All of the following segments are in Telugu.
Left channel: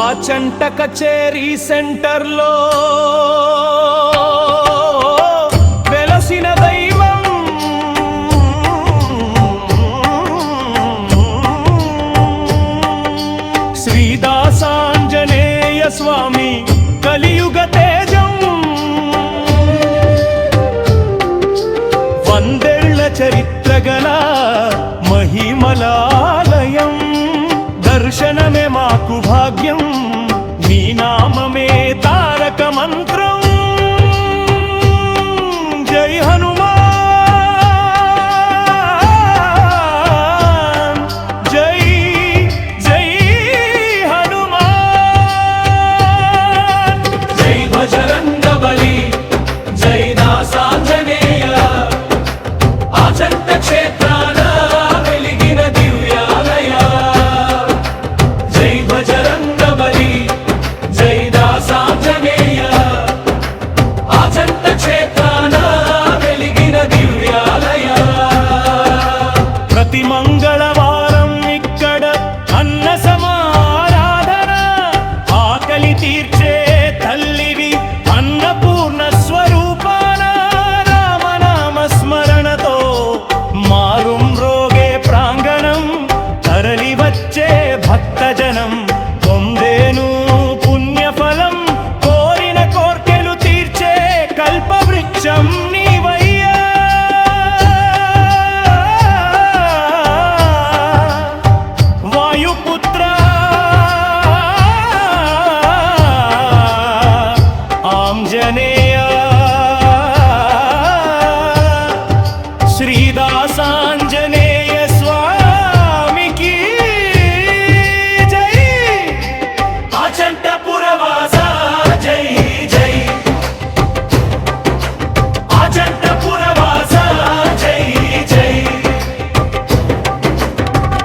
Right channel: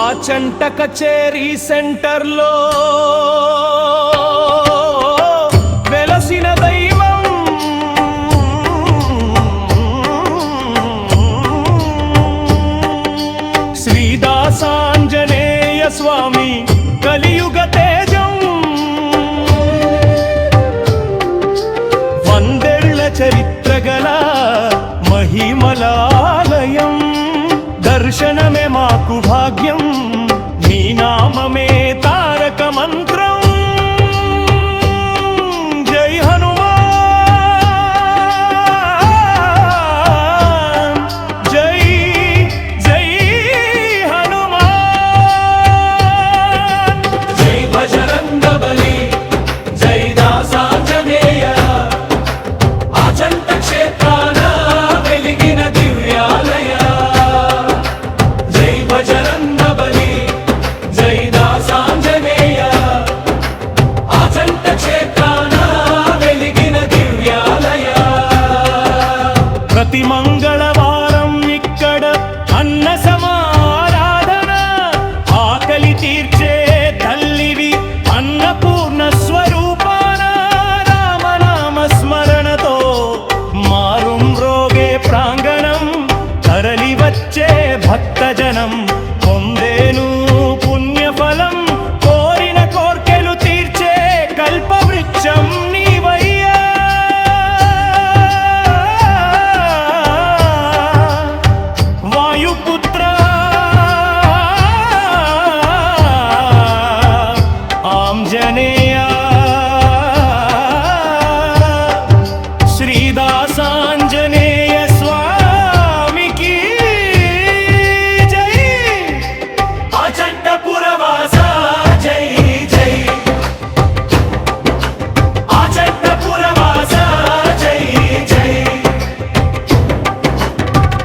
ఆచంట కచేరీ సెంటర్లో వెలసిన దైవం శ్రీదాసాంజనేయ స్వామి కలియుగ తేజం. వందేళ్ల చరిత్ర గల మహిమలాలయం, దర్శనమే మాకు భాగ్యం, నీ నామమే తారక మంత్రం. జై హనుమాన్, జై జై హనుమాన్. జై బజరంగ బలి, జై దాసాంజనేయ, ఆచంట క్షేత్రాన వెలిగిన దివ్యాలయ. జై బజరంగ బలి, జై దాసాంజనేయ, ఆచంట క్షేత్రాన వెలిగిన దివ్యాలయ. ప్రతి మంగళవారం ఇక్కడ అన్న సమారాధన, ఆకలి తీర్చే తల్లివి అన్నపూర్ణ స్వరూపాన. రామనామ స్మరణతో మారుం రోగే ప్రాంగణం, తరలి వచ్చే భక్తజనం పొందేను పుణ్యఫలం. కోరిన కోర్కెలు తీర్చే కల్పవృక్షం నీవయ్యా. వాయుపుత్ర ఆంజనేయ, శ్రీదాసాంజనేయ స్వామికి జై. ఆచంటపురవాస జై జై, ఆచంటపురవాస జై జై.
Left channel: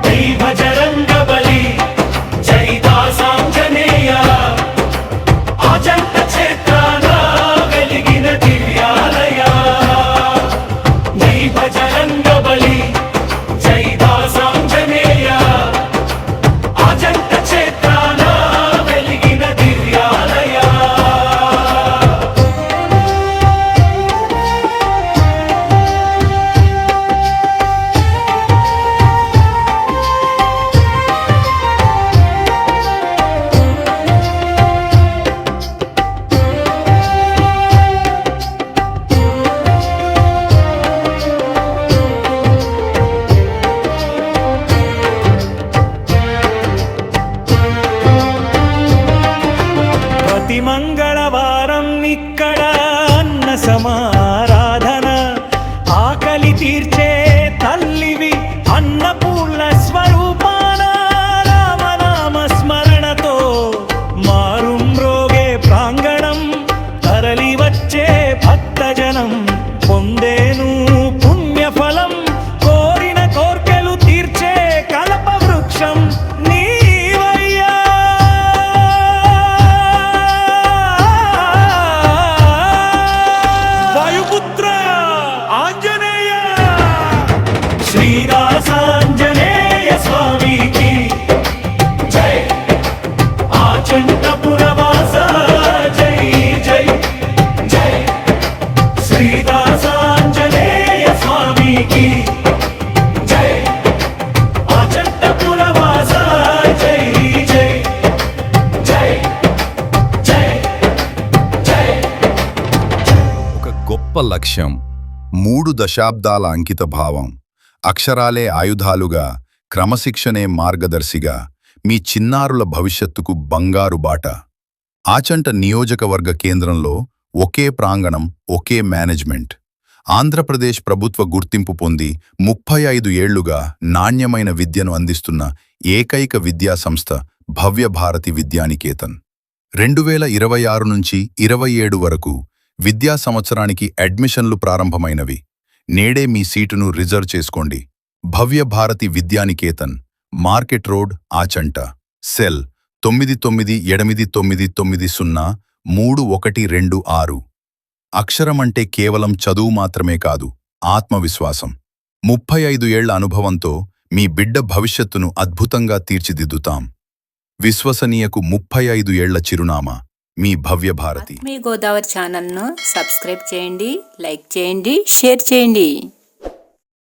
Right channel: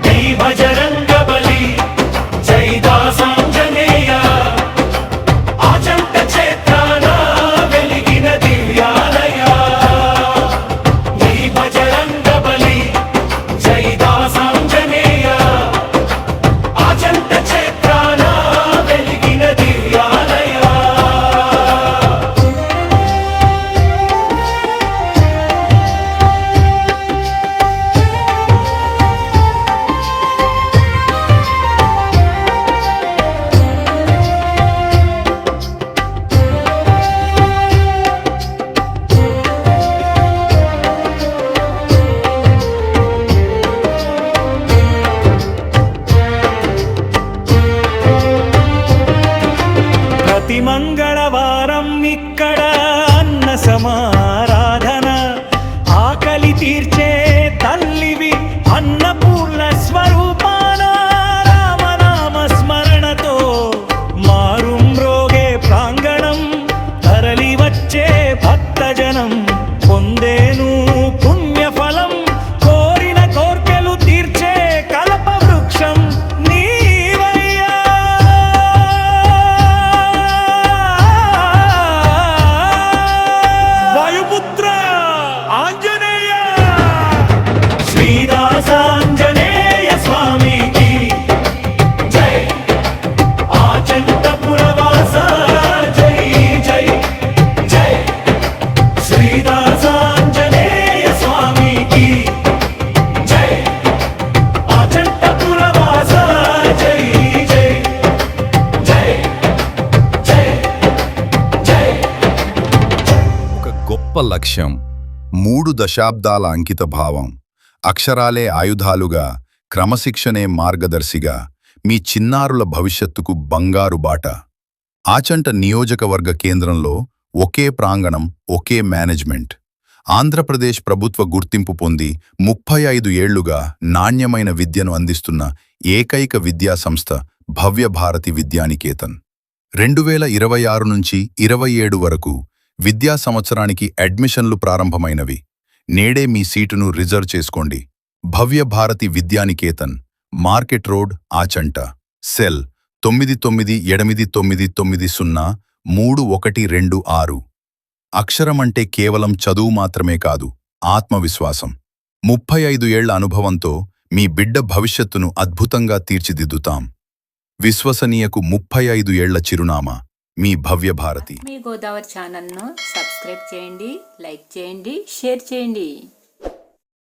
జై బజరంగ బలి, జై దాసాంజనేయ, ఆచంట క్షేత్రాన వెలిగిన దివ్యాలయ. జై బజరంగ బలి, జై దాసాంజనేయ, ఆచంట క్షేత్రాన వెలిగిన దివ్యాలయ. ప్రతి మంగళవారం ఇక్కడ అన్న సమారాధన, ఆకలి తీర్చే తల్లివి అన్నపూర్ణ స్వరూపాన. రామనామ స్మరణతో మారుం రోగే ప్రాంగణం, తరలి వచ్చే భక్తజనం పొందేను పుణ్యఫలం. కోరిన కోర్కెలు తీర్చే కల్పవృక్షం నీవయ్యా. వాయుపుత్ర ఆంజనేయ, శ్రీదాసాంజనేయ స్వామికి జై. ఆచంటపురవాస జై జై జై, శ్రీదాసాంజనేయ స్వామికి జై. ఆచంటపురవాస జై జై జై జై జై. ఒక గొప్ప లక్ష్యం, 3 దశాబ్దాల అంకిత భావం, అక్షరాలే ఆయుధాలుగా, క్రమశిక్షణే మార్గదర్శిగా, మీ చిన్నారుల భవిష్యత్తుకు బంగారు బాట. ఆచంట నియోజకవర్గ కేంద్రంలో ఒకే ప్రాంగణం, ఒకే మేనేజ్మెంట్. ఆంధ్రప్రదేశ్ ప్రభుత్వ గుర్తింపు పొంది 35 ఏళ్లుగా నాణ్యమైన విద్యను అందిస్తున్న ఏకైక విద్యా సంస్థ భవ్య భారతి విద్యానికేతన్. 2026 నుంచి 27 వరకు విద్యా సంవత్సరానికి అడ్మిషన్లు ప్రారంభమైనవి. నేడే మీ సీటును రిజర్వ్ చేసుకోండి. Bhavya Bharati Vidyaniketan, market road, Achanta. Cell 9989903126. అక్షరమంటే కేవలం చదువు మాత్రమే కాదు, ఆత్మవిశ్వాసం. 35 ఏళ్ల అనుభవంతో మీ బిడ్డ భవిష్యత్తును అద్భుతంగా తీర్చిదిద్దుతాం. విశ్వసనీయకు 35 ఏళ్ల చిరునామా మీ భవ్య భారతి. మీ గోదావరి ఛానల్ను సబ్స్క్రైబ్ చేయండి, లైక్ చేయండి, షేర్ చేయండి.